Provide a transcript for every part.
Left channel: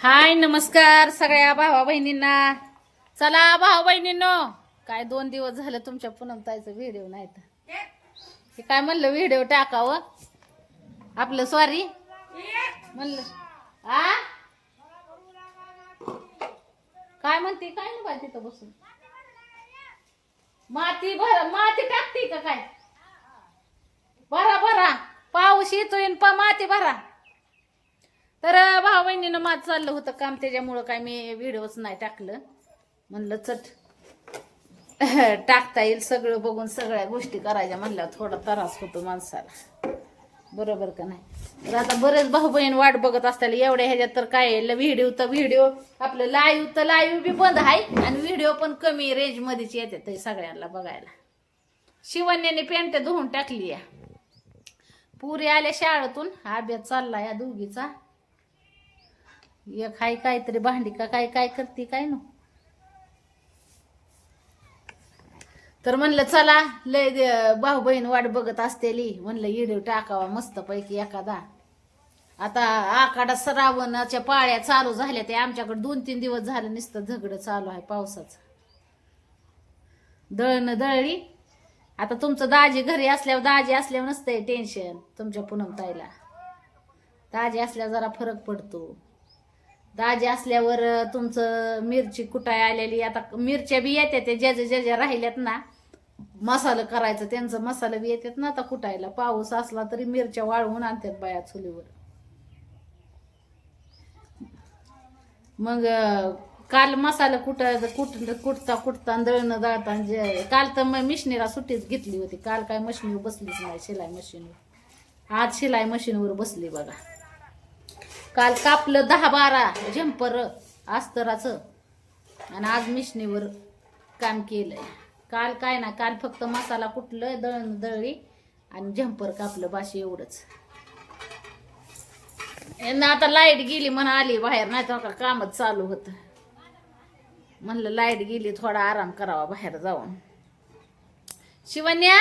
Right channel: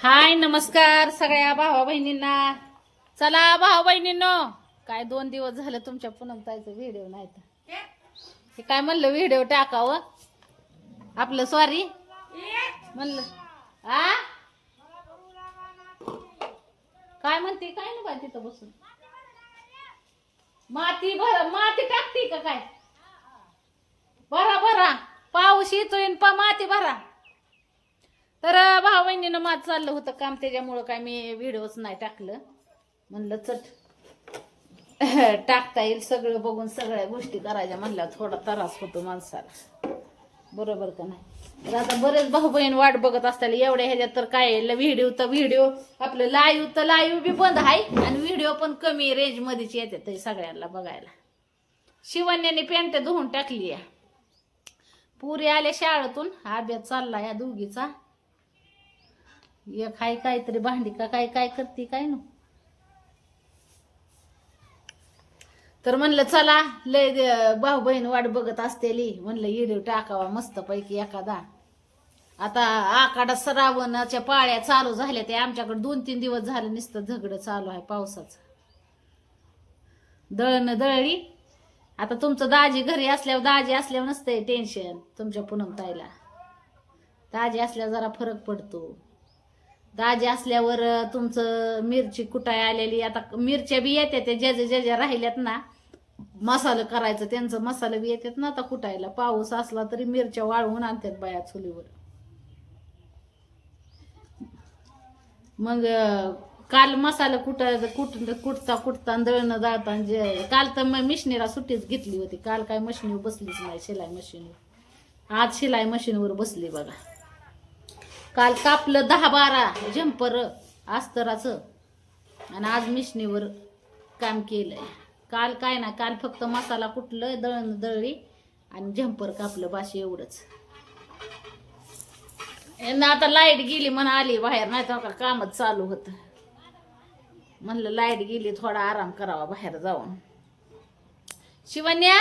हाय नमस्कार सगळ्या भावा बहिणींना. चला भावा बहिणींनो, काय 2 दिवस झाले तुमच्या पूनमताईचा व्हिडिओ नाही तर हे काय म्हणलं व्हिडिओ टाकावं आपलं. सॉरी म्हणलं आ काय म्हणते काय नाही बाई तिथं बसून माती माती टाकते का काय. भरा भरा पाऊस येतोय माती भरा. तर भाऊ बहिणीनं माझं चाललं होतं काम, त्याच्यामुळं काय मी व्हिडिओच नाही टाकलं. म्हणलं चट टाकता येईल सगळं बघून सगळ्या गोष्टी करायच्या म्हणल्यावर थोडा त्रास होतो माणसाला, बरोबर का नाही. तर आता बरेच भाऊ बहीण वाट बघत असताना एवढ्या ह्याच्यात तर काय व्हिडिओ आपलं लाईव्ह बी बंद आहे आणि व्हिडिओ पण कमी रेंज मध्येच येते सगळ्यांना बघायला. शिवण्याने पॅन्ट धुवून टाकली या, पुरी आल्या शाळेतून, अभ्यास चालला या दोघीचा. एक हाय काहीतरी भांडी का काय काय करते काय नो. तर म्हणलं चला लय भाऊ बहीण वाट बघत असतेली, म्हणलं व्हिडिओ टाकावा मस्त पैकी एखादा. आता आखाडा श्रावणाच्या पाळ्या चालू झाल्या, ते आमच्याकडे 2-3 दिवस झालं नुसतं झगडं चालू आहे पावसाचं. दळण दळली. आता तुमचं दाजी घरी असल्यावर नसतंय टेन्शन तुमच्या पूनमताईला. दाजी असल्यावर जरा फरक पडतो. दाजी असल्यावर तुमचं मिरची कुटाय आलेली, आता मिरच्या बी येतात ते ज्या राहिल्यात ना मसाला करायचं, त्यांचं मसाला बी येतात ना आता कुटायला. पाऊस असला तरी मिरच्या वाळवून आणतात बाया चुलीवर. मग काल मसाला कुटता दळणं दळता काल तर मग मिशनीला सुट्टीच घेतली होती. काल काय मशीनीवर बसलीच नाही, शिलाई मशीनवर. आज शिलाई मशीनवर बसली बघा. काल कापलं 10-12 झंपर अस्तराचं आणि आज मिशनीवर काम केलंय. काल काय ना, काल फक्त मसाला कुटलं, दळण दळली आणि झंपर कापलं, बाशी एवढंच. आता लाईट गेली म्हणून आली बाहेर, नाही तर कामच चालू होतं. म्हणलं लाईट गेली थोडा आराम करावा बाहेर जाऊन. शिवन्या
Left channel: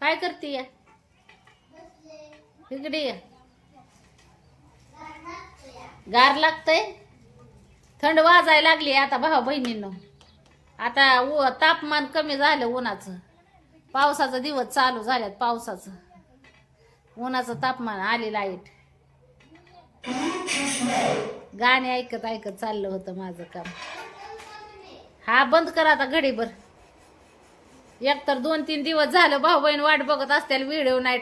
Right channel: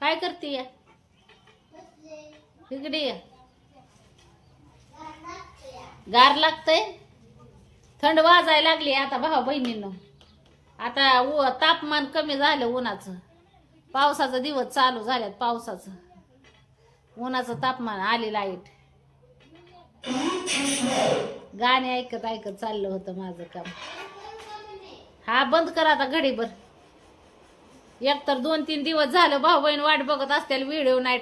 काय करते या इकडे या. गार लागतंय, थंड वाजायला लागली आता भाऊ बहिणींनो. आता तापमान कमी झालं उन्हाचं, पावसाचा दिवस चालू झाल्यात. पावसाचं उन्हाचं तापमान आली लाईट. गाणी ऐकत ऐकत चाललं होतं माझं काम. हा बंद करा आता घडीभर. एकतर 2-3 दिवस झालं भाऊ बहीण वाट बघत असतील, व्हिडिओ नाही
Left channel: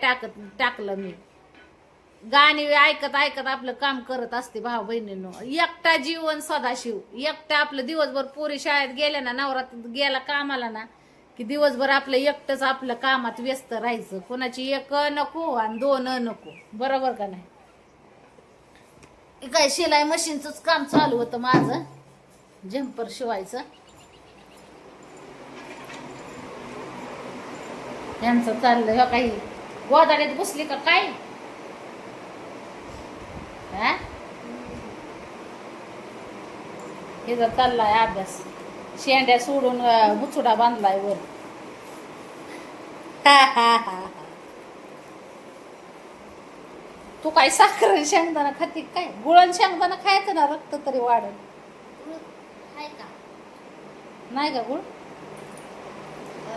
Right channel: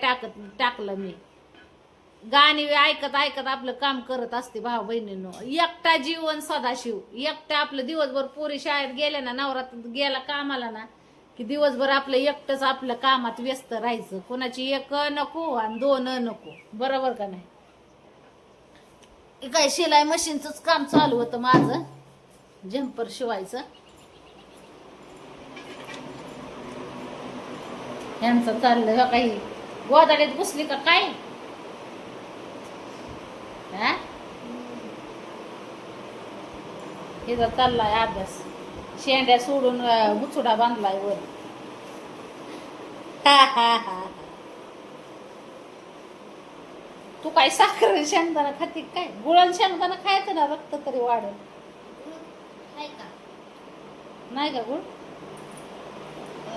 टाकलं मी. गाणी ऐकत ऐकत आपलं काम करत असते भाऊ बहिणींनो. एकटा जीवन सदाशिव. एकटा आपलं दिवसभर पोरी शाळेत गेल्या ना, नवरात गेला कामाला ना, की दिवसभर आपलं एकटंच आपलं कामात व्यस्त राहायचं. कोणाची 1 नको आणि 2 नको, बरोबर का नाही. काय शिलाई मशीनच काम चालू होतं माझं, झंपर शिवायचं. यांचं चाललं हे काही गोदाड्यात बसली का काय. हे जर चाललाय अभ्यास. शेंड्या सोडून बुचुडा बांधलाय वर. तू काय साखर शेंगदाणा खाते काय. गुळण शेंगदाणा खायचं ना, रक्त तरी वाढल. नाही का गुळ.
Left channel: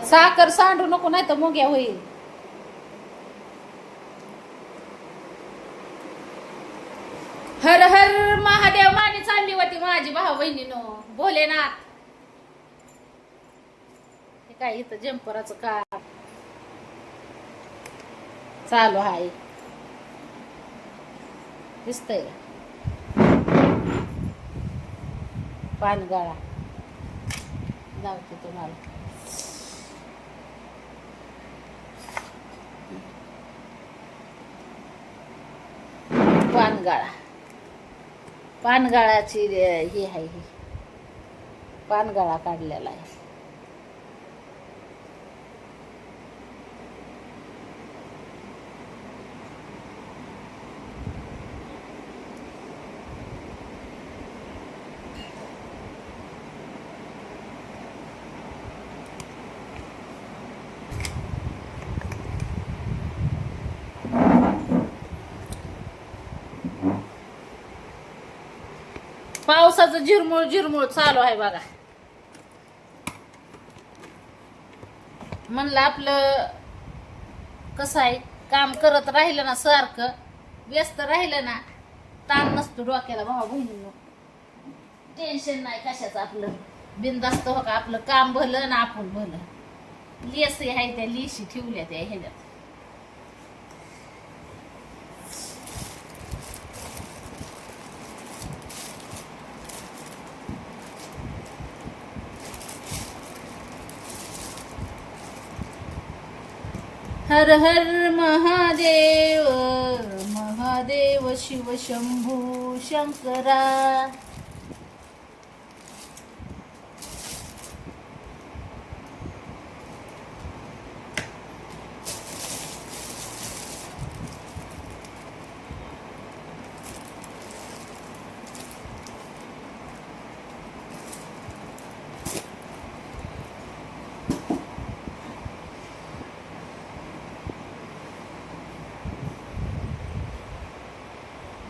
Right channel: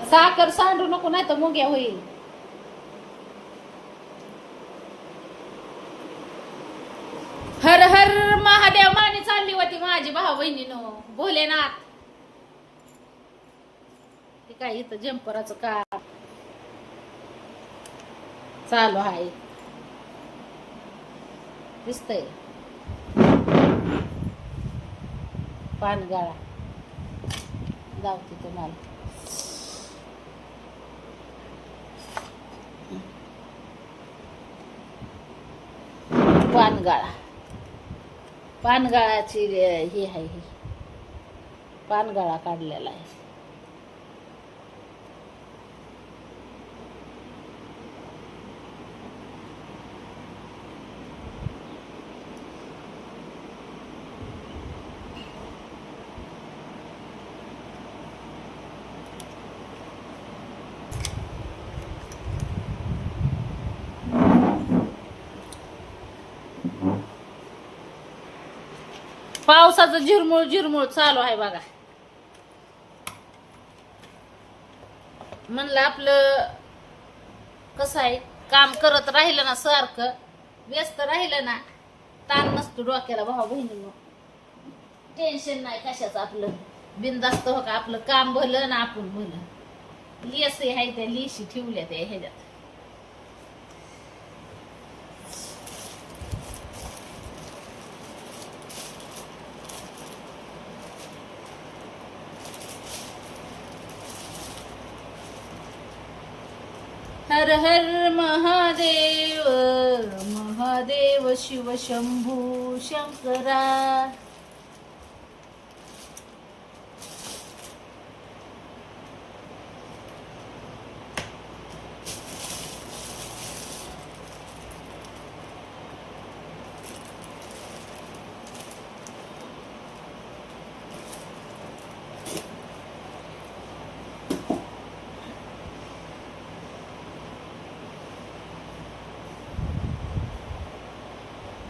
साखर सांडू नको नाही तर मुंग्या होईल. हर हर महादेव माने चालली होती माझी भाऊ बहिणीनो. भोलेनाथ. हे काय इथं जंपराचं काम चालू आहे, दिसतंय. पानगाळा लावते तुम्हाला. पानगाळाची हे आहे, पानगाळा काढलेला आहे. पावसाचं झिरमुळ झिरमुळ चालू आहे बघा. म्हणलं आपलं कसं आहे, काम करत राहिलं ना, सारखं व्यस्त राहिलं ना, ताण नसतो डोक्याला भाऊ बहिणींनो. टेन्शन नाही कशाचं, आपलं बिनधास्त हो का, आपलं काम भलं ना आपण भलं. लेसी आहे त्या लिशी ठेवल्या त्या ह्याच्यात. हर हर महादेव महादेव शिव शंभू शंकरा.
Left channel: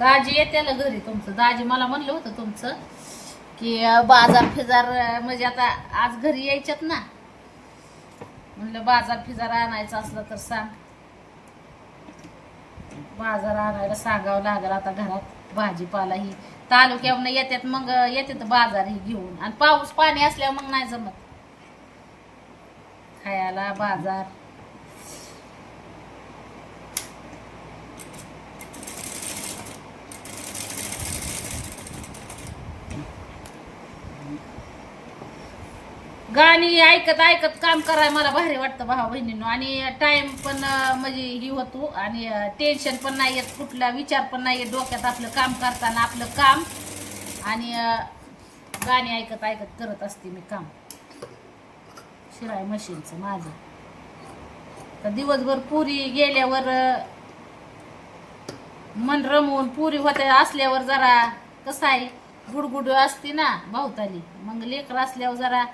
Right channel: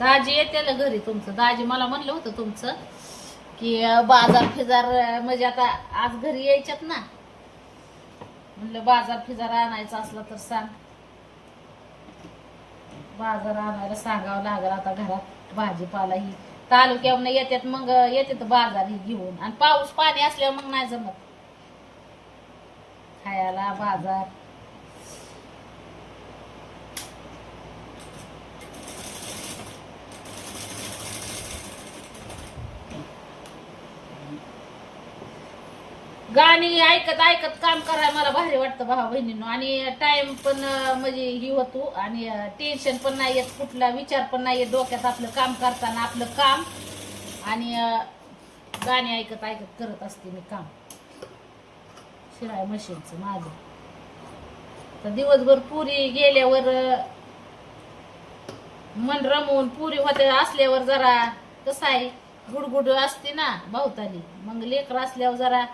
दाजी येते घरी तुमचं. दाजी मला म्हणलं होतं तुमचं की बाजार फिजार, म्हणजे आता आज घरी यायच्यात ना, म्हणलं बाजार फिजार आणायचा असला तर सांग. बाजार आणायला सांगावं लागलं. आता घरात भाजीपाला ही तालुक्यावरून येतात, मग येतात बाजार ही घेऊन. आणि पाऊस पाणी असल्यावर मग नाही जमत खायला बाजार. गाणी ऐकत ऐकत काम करायला मला भारी वाटतं भाऊ बहिणींनो. आणि टाइम पण म्हणजे ही होतो, आणि टेन्शन पण नाही येत, कुठला विचार पण नाही येत डोक्यात. आपलं काम करताना आपलं काम, आणि गाणी ऐकत ऐकत करत असते मी काम. शिलाई मशीनचं माझं तर दिवसभर पुरी गेल्यावर मन रमवून, पुरी होते असल्यावर जरा कसं आहे, गुडगुड असते ना भावताली. मग लेकर असल्यावर जरा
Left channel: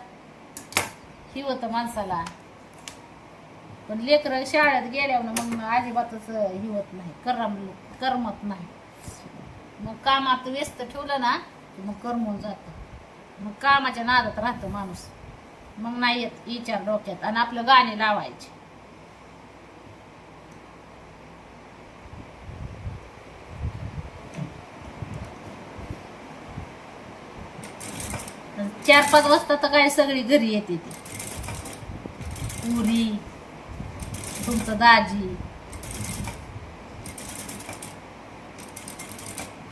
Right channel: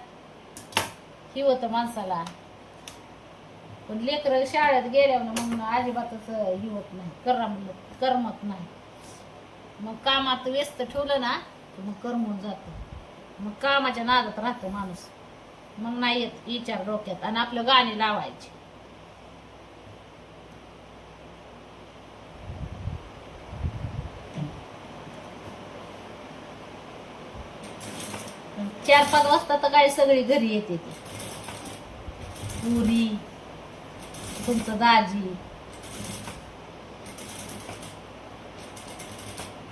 ही होतं माणसाला. पण लेकर शाळेत गेल्यावर मग अजिबातच ही होत नाही, करमत नाही. मग कामात व्यस्त ठेवलं ना मग करमून जातं. मग कामाच्या नादात राहतं माणूस, मग नाही येत विचार डोक्यात. आणि आपलं गाणी लावायची. चार पाच वाजता तर काय सगळी घरी येते ती. पुरी, तुमचं दाजी.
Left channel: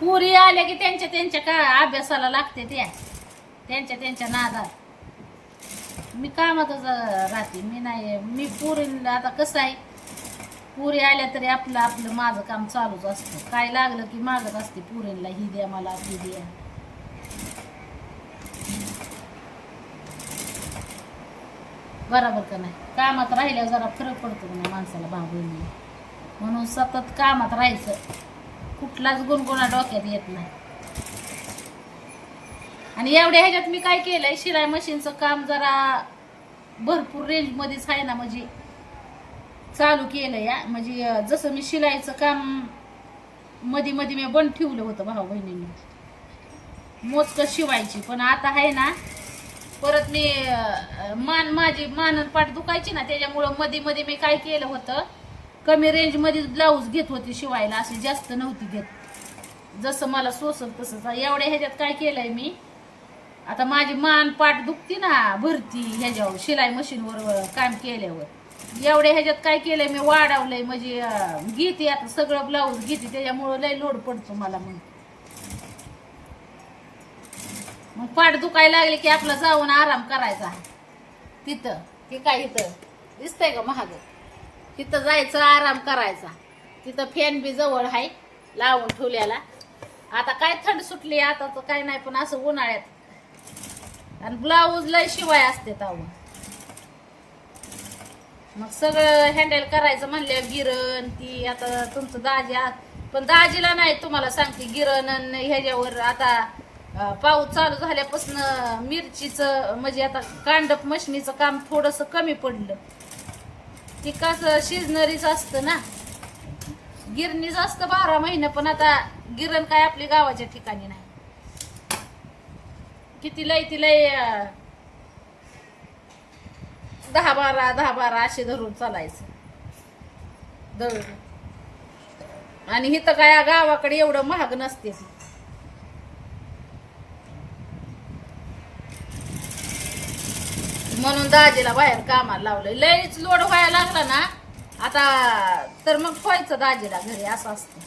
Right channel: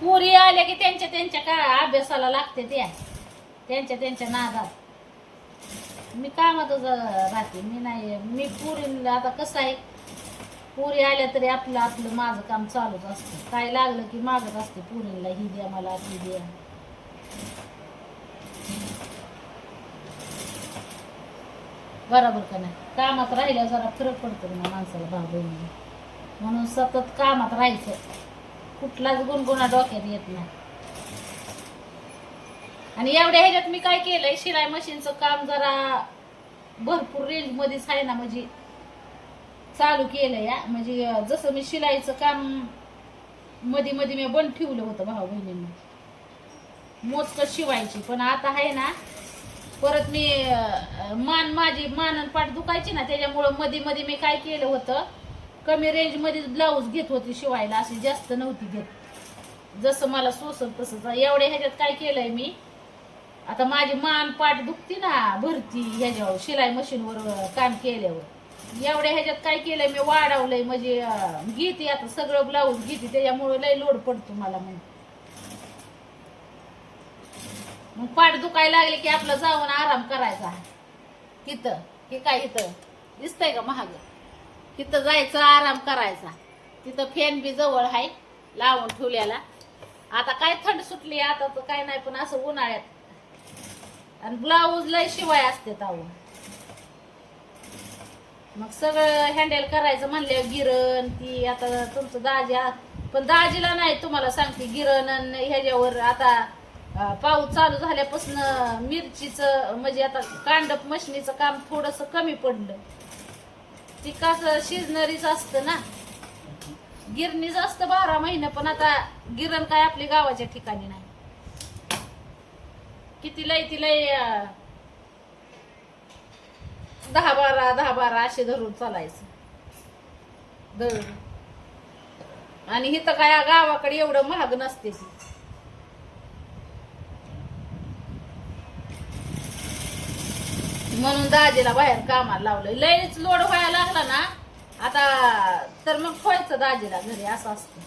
पुरी आल्या की त्यांच्या त्यांच्या का अभ्यासाला लागते, त्यांच्या त्यांच्या नादात. मी कामातच राहते. मी नाही, मी पुरी आता कसं आहे, पुरी आल्या तरी आपलं आपलं माझं काम चालूच असतं. काय लागलं की मागत असते पुरीला, ही द्या मला, ती द्या. बरोबर का नाही. कामात राहिल्यावर जरा फरक पडतो ना माणसाला भाऊ बहिणी. म्हणून सतत कामात राहायचं, कुठलाच गुणगुणा डोक्यात येत नाही. आणि एवढ्या ह्याच्यात मी काय केलंय, शिलाई मशीनचं काम जरा भरपूर रेंज मध्येच आहे ना, म्हणजे चालू केलं या. म्हणजे जसं मी शिलाईचं काम मध्ये मध्ये मी बंद ठेवलं होतं भाऊ बहिणींना, मोजकं शिवायची. पण आता आहे ना, परत मी माझी मान पाठ दुखायची ना, त्याच्यामुळं मध्ये मध्ये मी काय केलं होतं, कमी रेंज मध्ये ब्लाऊज घेत होती शिवायला, अशी जास्त नव्हती घेत. जसं मला सोसल तसंच. एवढ्या ह्याच्यात काय केलंय मी, आता माझी मान पाठ दुखती ना भरती ह्याच्यावर शिलाई मशीनवर काम केल्यावर, एवढ्या ह्याच्यात काय केलंय मी, वाढवलंय. म्हणजे घेते आता सगळं ब्लाऊज घेते, त्याच्यामुळं लय लोड पडतो मला. मग पाठ दुखायला लागले की आपला जाऊन आराम करायचा तिथं. हे काय इथं दिसतंय का महाग, तिथं जायचं आराम करायचा. तिथं फॅन बी जवळ आहे लावून ठेवल्याला. आता काय थंड सुटली आता तर काय नाही, पण असं उन्हाळ्यात. आणि ब्लाऊज लय शिवाय असते तावून. मग सगळं हँडल करायचं म्हणल्यावर गिरण ती. आता तुमचं दाजी, पण दाजीला नाही तुम्हाला सांगते गिरण. ह्याच्यावर आता पाऊस चालू झाल्यापासून मिरचीचं म्हणजे आता कांडप मशनीचं काम थोडस कमी पडलं. ती कसं शिजनरीच असतं ना, गिरणीच असतं 12 महिने. पण आता गिरण काय आपली गावाच्या ठिकाणी नाही. किती लय ती लय 10-12 असे धरून चालायचं दळून. आणि इथं काय गावाकडे एवढं महाग नसते ती. म्हणून दाजीला बाहेर कामाला लावलंय. लयच लोड व्हायला लागला ना आता तर मग व्हायचं दाजीला घरी, असं असतं.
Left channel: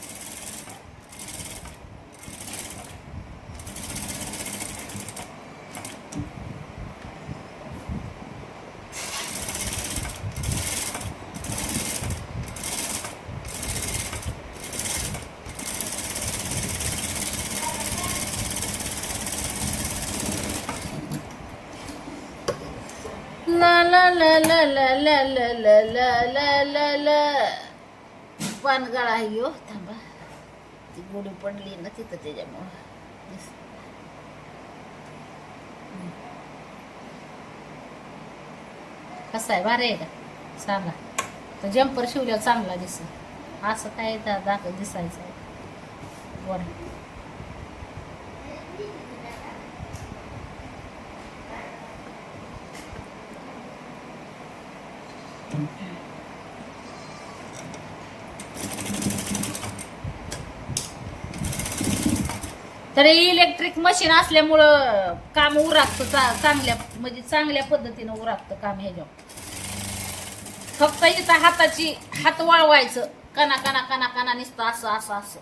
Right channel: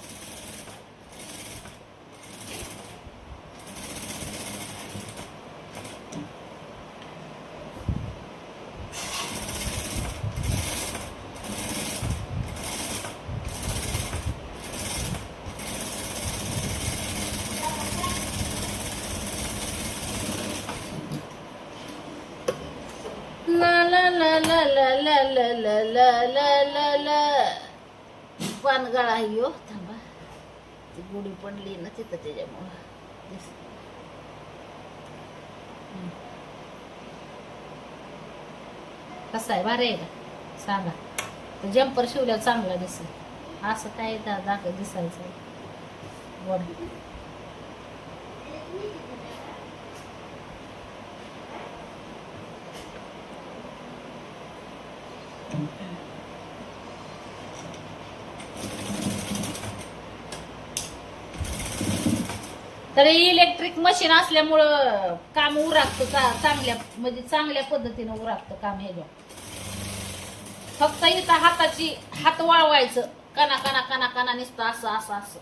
ला ला ला ला ला ला ला ला ला ला ला ला. पानगळा आहे हो. थांबा, ती गुढी पडली ना तिथं त्याच्यामुळं. कसा आहे, भारी आहे का सांगा. तर जम्पर शिवल्यावर चांगला दिसेल. असं काय दाखव दिसायचं आहे वर. तर इलेक्ट्रिक मशीन असल्यामुळं काम उरागतं चांगल्या, म्हणजे चांगल्या पद्धतीनं उरागतं काम. हे फक्त इथं हात वळवायचं, कना कना कना कना नुसतं असं असं असं.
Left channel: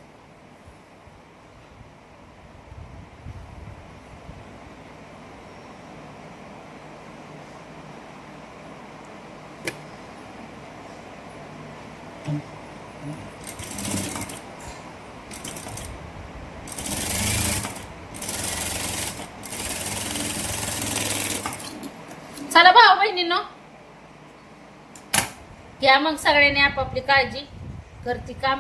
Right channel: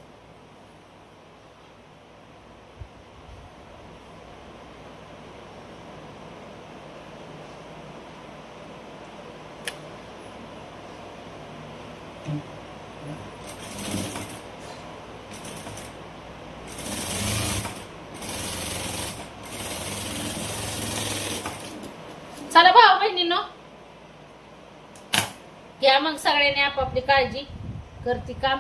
चला भाऊ बहिणींनो, घ्या मग सगळ्यांनी आपापली काळजी. करती काम.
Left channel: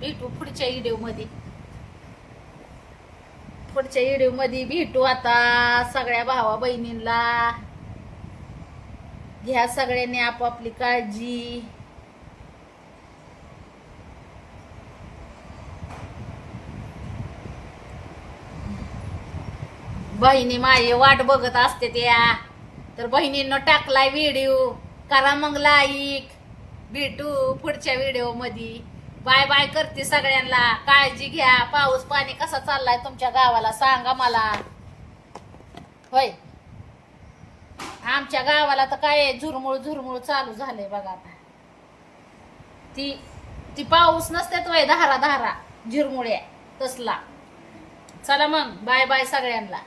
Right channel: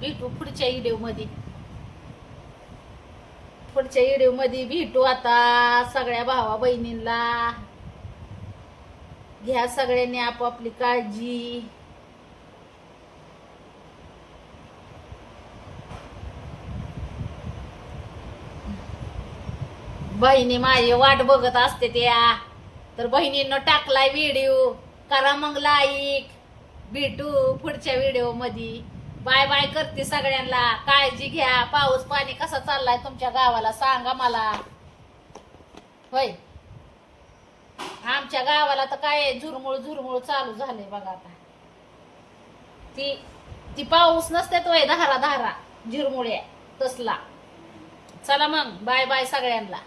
भेटू पुढच्या व्हिडिओ मध्ये. भेटू आता. सगळ्या भावा बहिणींना घ्या सगळ्यांनी आपापली काळजी. बहिणी माझी वाट बघत असते त्या. तर बहिणींनो टाकलाय व्हिडिओ, करा मग लाईक. भेटू पुढच्या व्हिडिओ मध्ये. बाय बाय करते सगळ्यांना. काळजी घ्या. पाऊस पाणी कसा चाललाय तुमच्या गावाला सांगा मला. होय, आमच्या गावाला तर काय झुरमुळ चालू झालंय बघा आता. ती पाऊस नसते तो धारा झिरमुळ्या तसला. चला मग बाय बाय सगळ्यांना.